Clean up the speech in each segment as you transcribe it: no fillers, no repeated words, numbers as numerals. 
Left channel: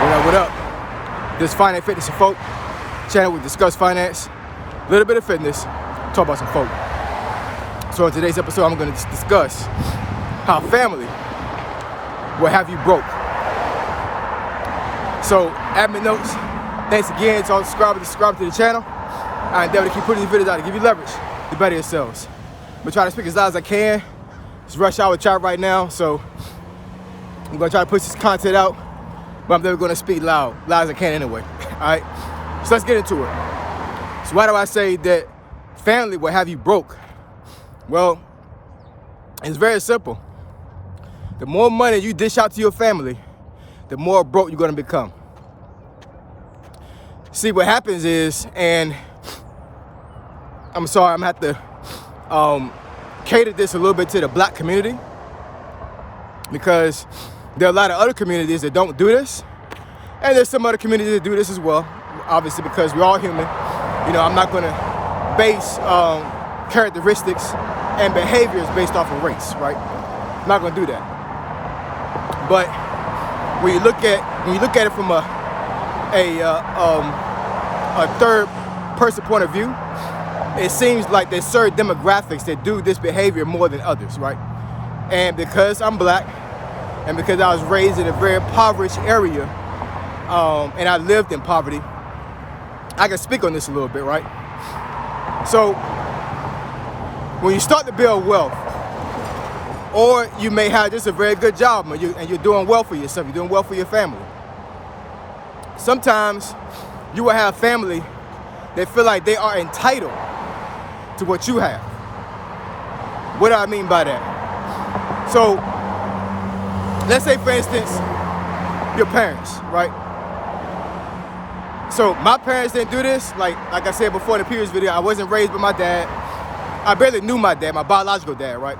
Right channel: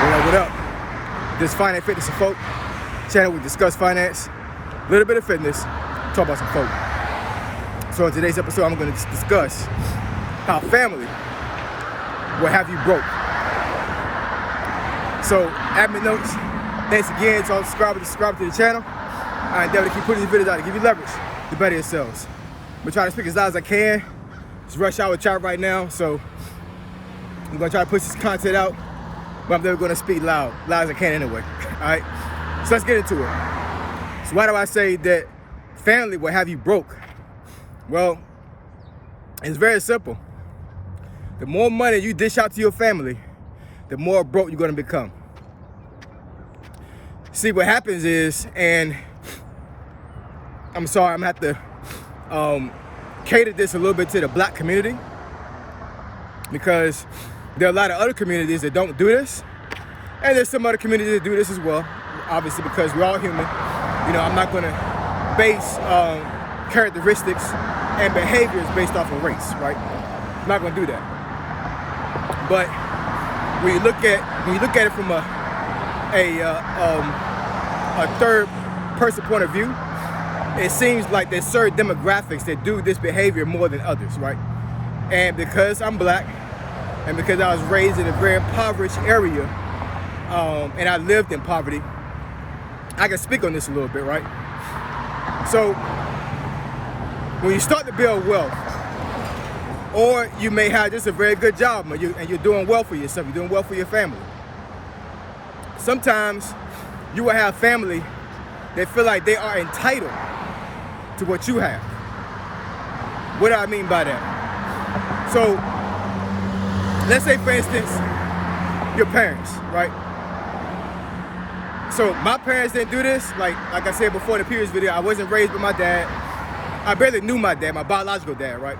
What up, what up? This is Finance, Fitness, and Folk channel. We discuss finance, a little bit of fitness, talk about some folk. So in today's episode, I'm going to discuss how family will have you broke. So, admin notes, thanks again to all subscribers to the channel. I endeavor to keep putting these videos out to give you leverage to better yourselves. I'm going to try to speak as loud as I can. It's rush hour chat right now, so I'm going to try to push this content out, but I'm never going to speak loud as I can anyway. All right, so let's get into it. So why do I say that family will have you broke? Well, it's very simple. The more money you dish out to your family, the more broke you're going to become. See, what happens is, and I'm sorry, I'm going to have to cater this a little bit to the black community, because there are a lot of other communities that don't do this, and there's some other communities that do this as well, obviously, because we're all human. You know, I'm not going to base characteristics and behaviors based off of race, right? I'm not going to do that. But when you look at it from a third person point of view, it seems like there's certain demographics that do this behavior more than others, right? And because I'm black, and because I was raised in a very impoverished area, and I lived in poverty, I can speak on this a little bit, right? So, when you start to build wealth, or you may have just a very good job, and you're doing well for yourself, you're doing well for your family. Sometimes you will have family that feel like they are entitled to what you have. What do I mean by that? So, let's say, for instance, your parents, right? So my parents didn't do this. Like I said before in the previous video, I wasn't raised by my dad. I barely knew my dad, my biological dad, right?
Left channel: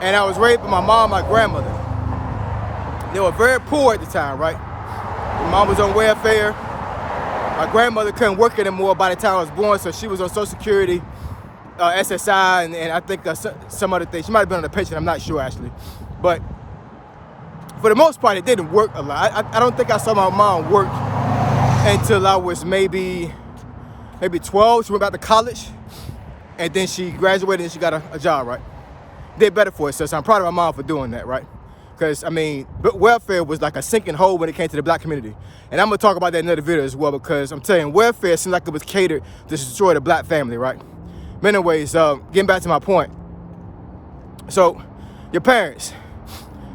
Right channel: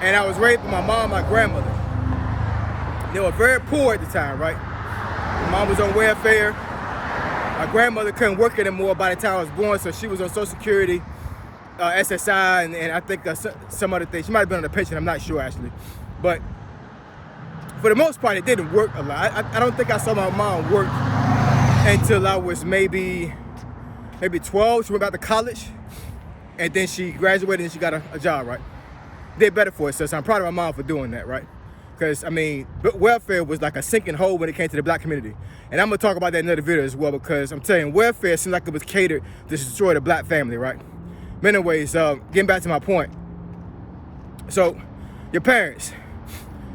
And I was raised by my mom, my grandmother. They were very poor at the time, right? My mom was on welfare. My grandmother couldn't work anymore by the time I was born, so she was on Social Security, SSI, and I think some other things. She might have been on a pension, I'm not sure actually. But for the most part, it didn't work a lot. I don't think I saw my mom work until I was maybe 12. She went back to college, and then she graduated and she got a job, right? Did better for herself, so I'm proud of my mom for doing that, right? Because, I mean, welfare was like a sinking hole when it came to the black community. And I'm going to talk about that in another video as well, because I'm telling you, welfare seemed like it was catered to destroy the black family, right? But anyways, getting back to my point. So, your parents.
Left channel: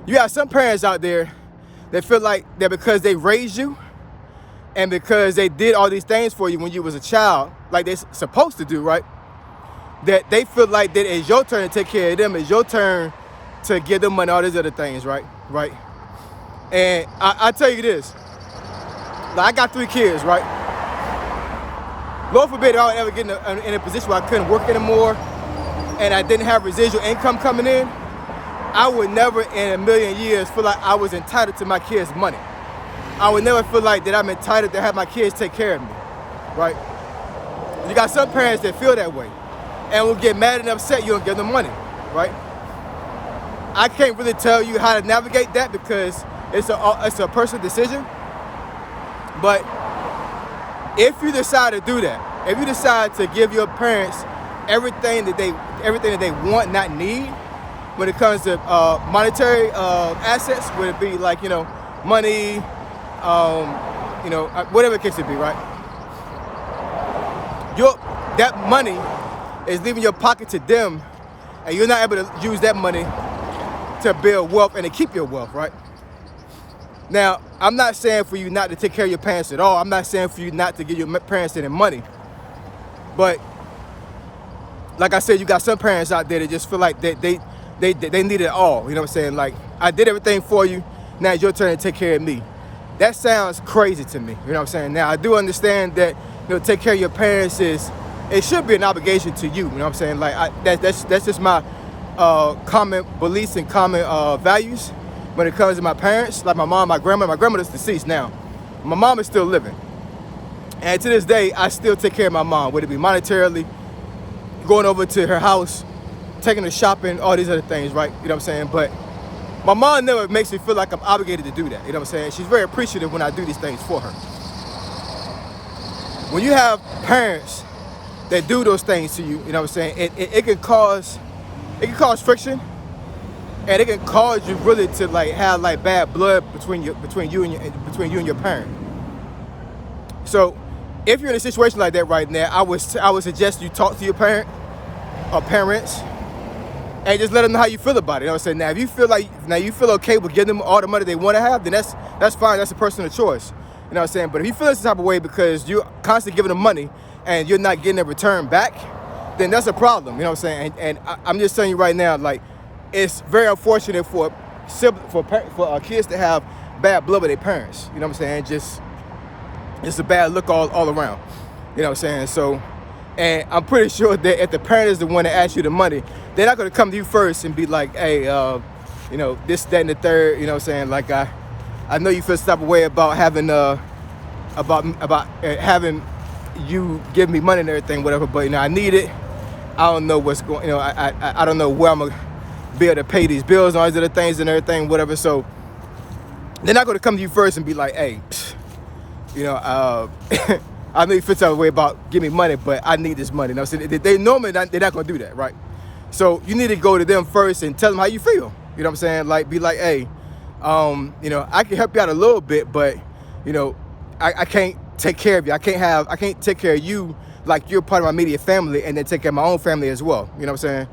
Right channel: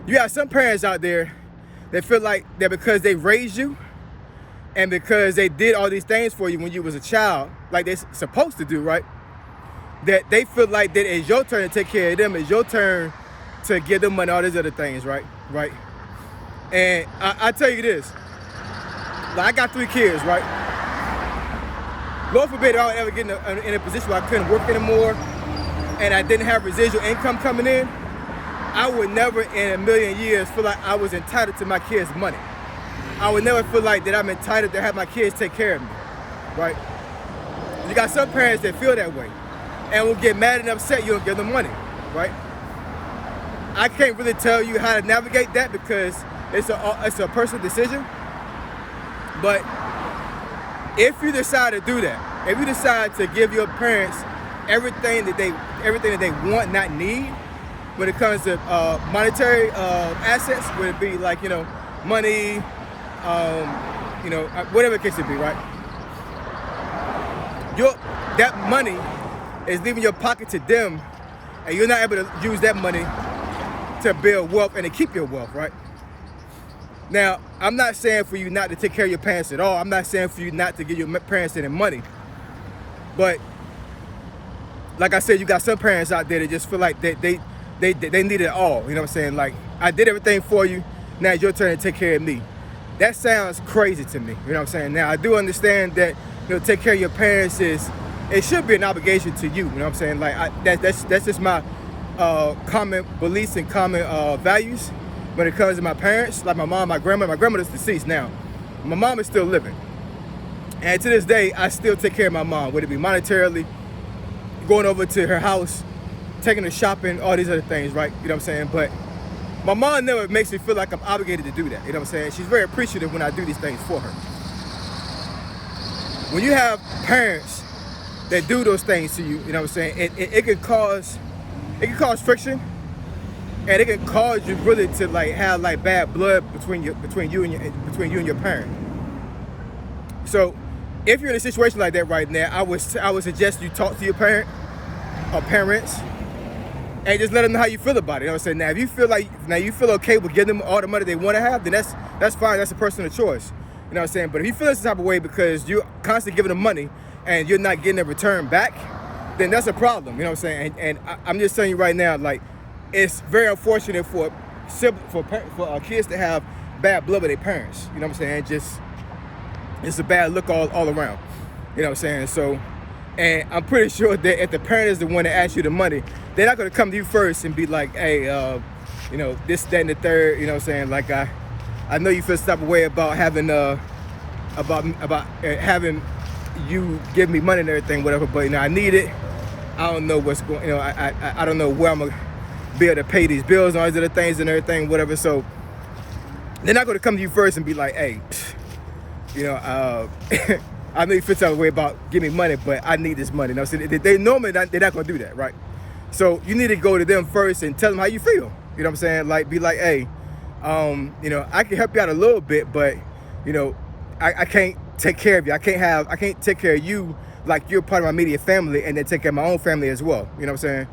You got some parents out there that feel like that because they raised you and because they did all these things for you when you was a child, like they're supposed to do, right? That they feel like that it's your turn to take care of them, it's your turn to give them money, all these other things, right? Right? And I tell you this, like I got 3 kids, right? Lord forbid I would ever get in a position where I couldn't work anymore and I didn't have residual income coming in. I would never in a million years feel like I was entitled to my kids' money. I would never feel like that I'm entitled to have my kids take care of me, right? You got some parents that feel that way and will get mad and upset you don't give them money, right? I can't really tell you how to navigate that because it's a personal decision. But if you decide to do that, if you decide to give your parents everything that they want, not need, when it comes to monetary assets, would it be like, you know, money, you know, whatever the case would be, right? That money is leaving your pocket to them, and you're not able to use that money to build wealth and to keep your wealth, right? Now, I'm not saying for you not to take care of your parents at all. I'm not saying for you not to give your parents any money. But like I said, you got some parents out there that just feel like they need it all. You know what I'm saying? Like, I did everything for you. Now it's your turn to take care of me. That sounds crazy to me. You know what I'm saying? Now, I do understand that, you know, take care of your parents it should be an obligation to you. You know what I'm saying? Like, that's just my common beliefs and common values when it comes to my parents. Like my mom, my grandmother's deceased now. My mom is still living. And to this day, I still take care of my mom, whether it be monetarily, going over to her house, taking her shopping, all these other things, right? You know what I'm saying? But My mom never makes me feel like I'm obligated to do that. You know what I'm saying? She's very appreciative when I do these things for her. When you have parents that do those things to you, you know what I'm saying? It can cause friction, and it can cause you really to like have like bad blood between you and your parent. So if you're in a situation like that right now, I would suggest you talk to your parent or parents and just let them know how you feel about it. You know what I'm saying? Now, if you feel okay with giving them all the money they want to have, then that's fine. That's a personal choice. You know what I'm saying? But if you feel this type of way because you're constantly giving them money and you're not getting a return back, then that's a problem. You know what I'm saying? And I'm just telling you right now, like, it's very unfortunate for kids to have bad blood with their parents. You know what I'm saying? It's a bad look all around. You know what I'm saying? So, and I'm pretty sure that if the parent is the one that asks you the money, they're not going to come to you first and be like, hey, you know, this, that, and the third. You know what I'm saying? Like, I know you feel some type of way about having having you give me money and everything, whatever. But you know, I need it. I don't know what's going. You know, I don't know where I'm gonna be able to pay these bills and all these other things and everything, whatever. So they're not going to come to you first and be like, hey, you know, I know you feel some way about giving me money, but I need this money. You know, so they normally they're not going to do that, right? So you need to go to them first and tell them how you feel. You know what I'm saying? Like, be like, hey, you know, I can help you out a little bit, but you know, I can't take care of you. I can't take care of you like you're part of my immediate family, and then take care of my own family as well. You know what I'm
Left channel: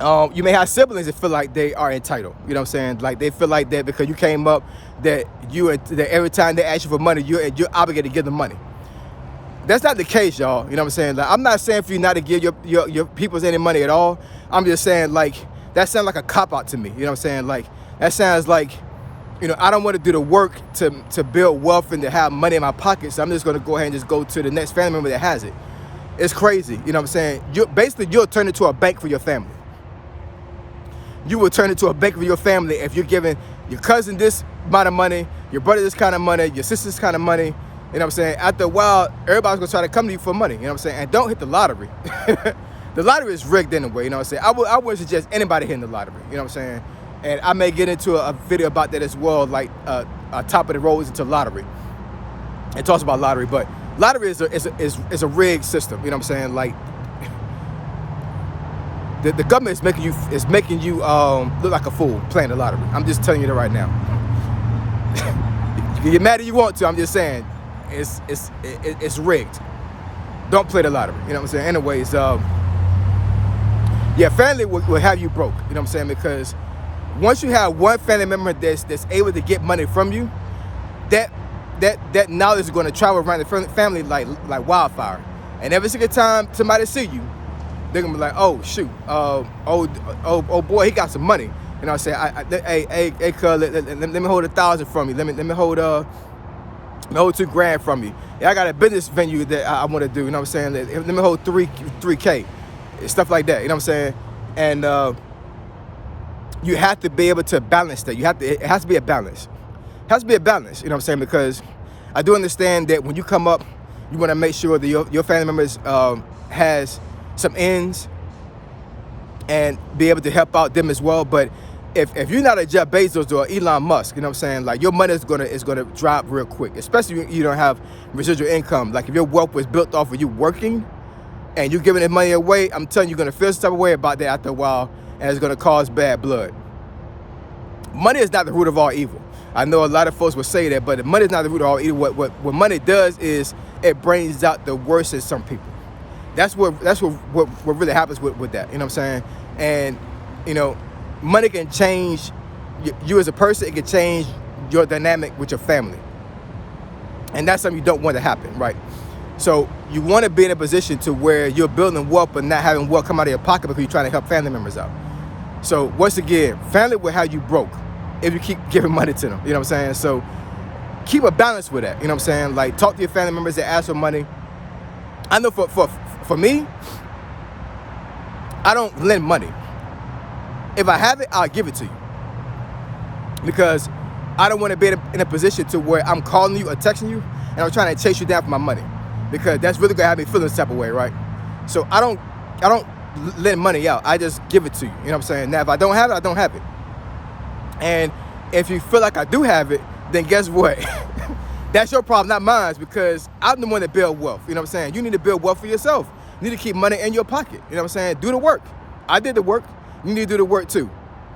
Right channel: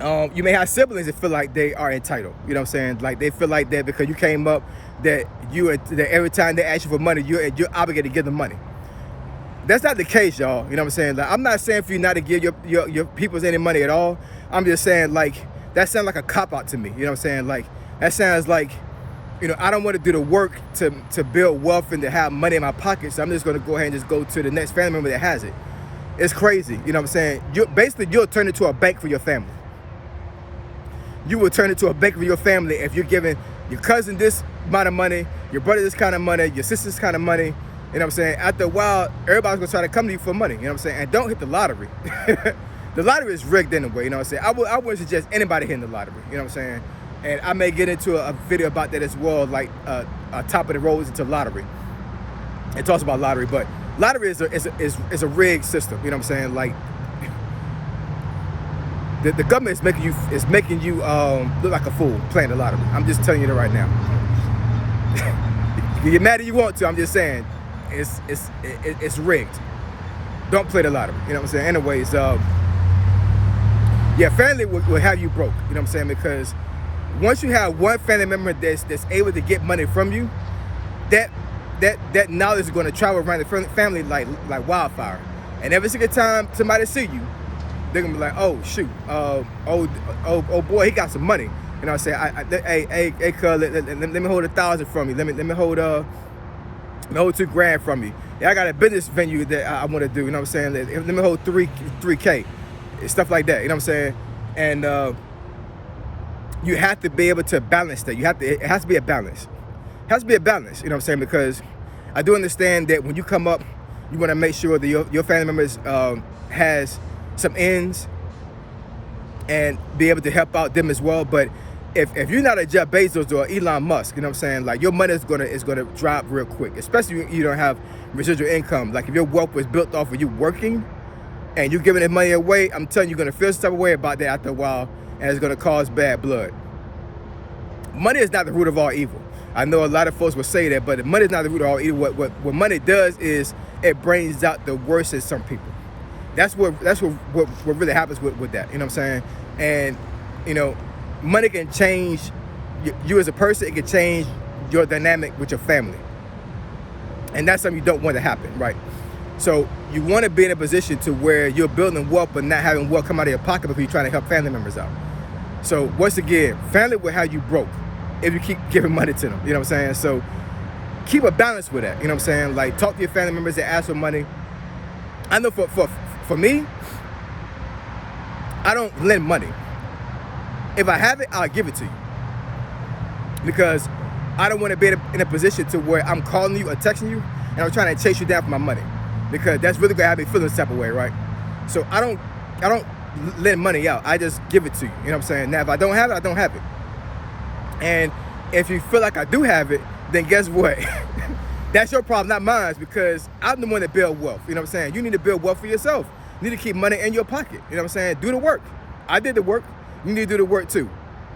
saying? You may have siblings that feel like they are entitled. You know what I'm saying? Like they feel like that because you came up, that every time they ask you for money, you're obligated to give them money. That's not the case, y'all. You know what I'm saying? Like, I'm not saying for you not to give your peoples any money at all. I'm just saying, like, that sounds like a cop-out to me. You know what I'm saying? Like, that sounds like, you know, I don't want to do the work to build wealth and to have money in my pocket, so I'm just going to go ahead and just go to the next family member that has it. It's crazy. You know what I'm saying? You'll turn into a bank for your family. You will turn into a bank for your family if you're giving your cousin this amount of money, your brother this kind of money, your sister this kind of money. You know what I'm saying? After a while, everybody's gonna try to come to you for money. You know what I'm saying? And don't hit the lottery. The lottery is rigged anyway. You know what I'm saying? I wouldn't suggest anybody hitting the lottery. You know what I'm saying? And I may get into a video about that as well, like top of the roads into lottery. It talks about lottery, but lottery is a rigged system. You know what I'm saying? Like, the government is making you look like a fool playing the lottery. I'm just telling you that right now. You get mad if you want to. I'm just saying. It's rigged. Don't play the lottery. You know what I'm saying? Anyways, yeah, family will have you broke. You know what I'm saying? Because once you have one family member that's able to get money from you, that knowledge is going to travel around the family like wildfire. And every single time somebody see you, they're gonna be like, oh shoot, oh boy, he got some money. You know what I'm saying? Hey, cuz, let me hold 1,000 from you. Let me hold $2,000 from you. Yeah, I got a business venue that I want to do. You know what I'm saying? Let me hold 3K, stuff like that. You know what I'm saying? And you have to be able to balance that. It has to be a balance. It has to be a balance. You know what I'm saying? Because I do understand that when you come up, you want to make sure that your family members has some ends and be able to help out them as well. But if you're not a Jeff Bezos or Elon Musk, you know what I'm saying, like, your money is gonna drop real quick, especially if you don't have residual income. Like, if your wealth was built off of you working and you're giving that money away, I'm telling you, you're gonna feel some type of way about that after a while, and it's gonna cause bad blood. Money is not the root of all evil. I know a lot of folks will say that, but money is not the root of all evil. What money does is it brings out the worst in some people. That's what really happens with that. You know what I'm saying? And you know, money can change you as a person. It can change your dynamic with your family, and that's something you don't want to happen, right? So you want to be in a position to where you're building wealth, but not having wealth come out of your pocket because you're trying to help family members out. So once again, family will have you broke if you keep giving money to them. You know what I'm saying? So keep a balance with that. You know what I'm saying? Like, talk to your family members that ask for money. I know for me, I don't lend money. If I have it, I'll give it to you. Because I don't want to be in a position to where I'm calling you or texting you and I'm trying to chase you down for my money. Because that's really gonna have me feeling some type of way, right? So I don't lend money out. I just give it to you. You know what I'm saying? Now, if I don't have it, I don't have it. And if you feel like I do have it, then guess what? That's your problem, not mine, because I'm the one that build wealth. You know what I'm saying? You need to build wealth for yourself. You need to keep money in your pocket. You know what I'm saying? Do the work. I did the work. You need to do the work too. You know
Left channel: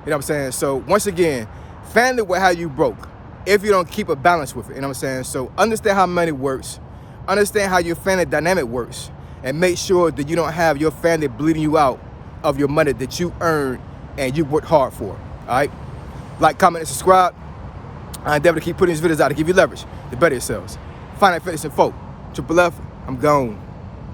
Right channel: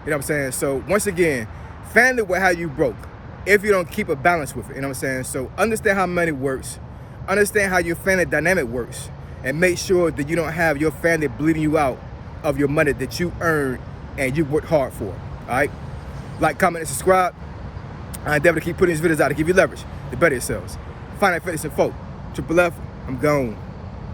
what I'm saying? So once again, family will have you broke if you don't keep a balance with it. You know what I'm saying? So understand how money works. Understand how your family dynamic works. And make sure that you don't have your family bleeding you out of your money that you earned and you worked hard for. All right? Like, comment, and subscribe. I endeavor to keep putting these videos out to give you leverage to better yourselves. Finance, Fitness, and Folk. Triple F, I'm gone.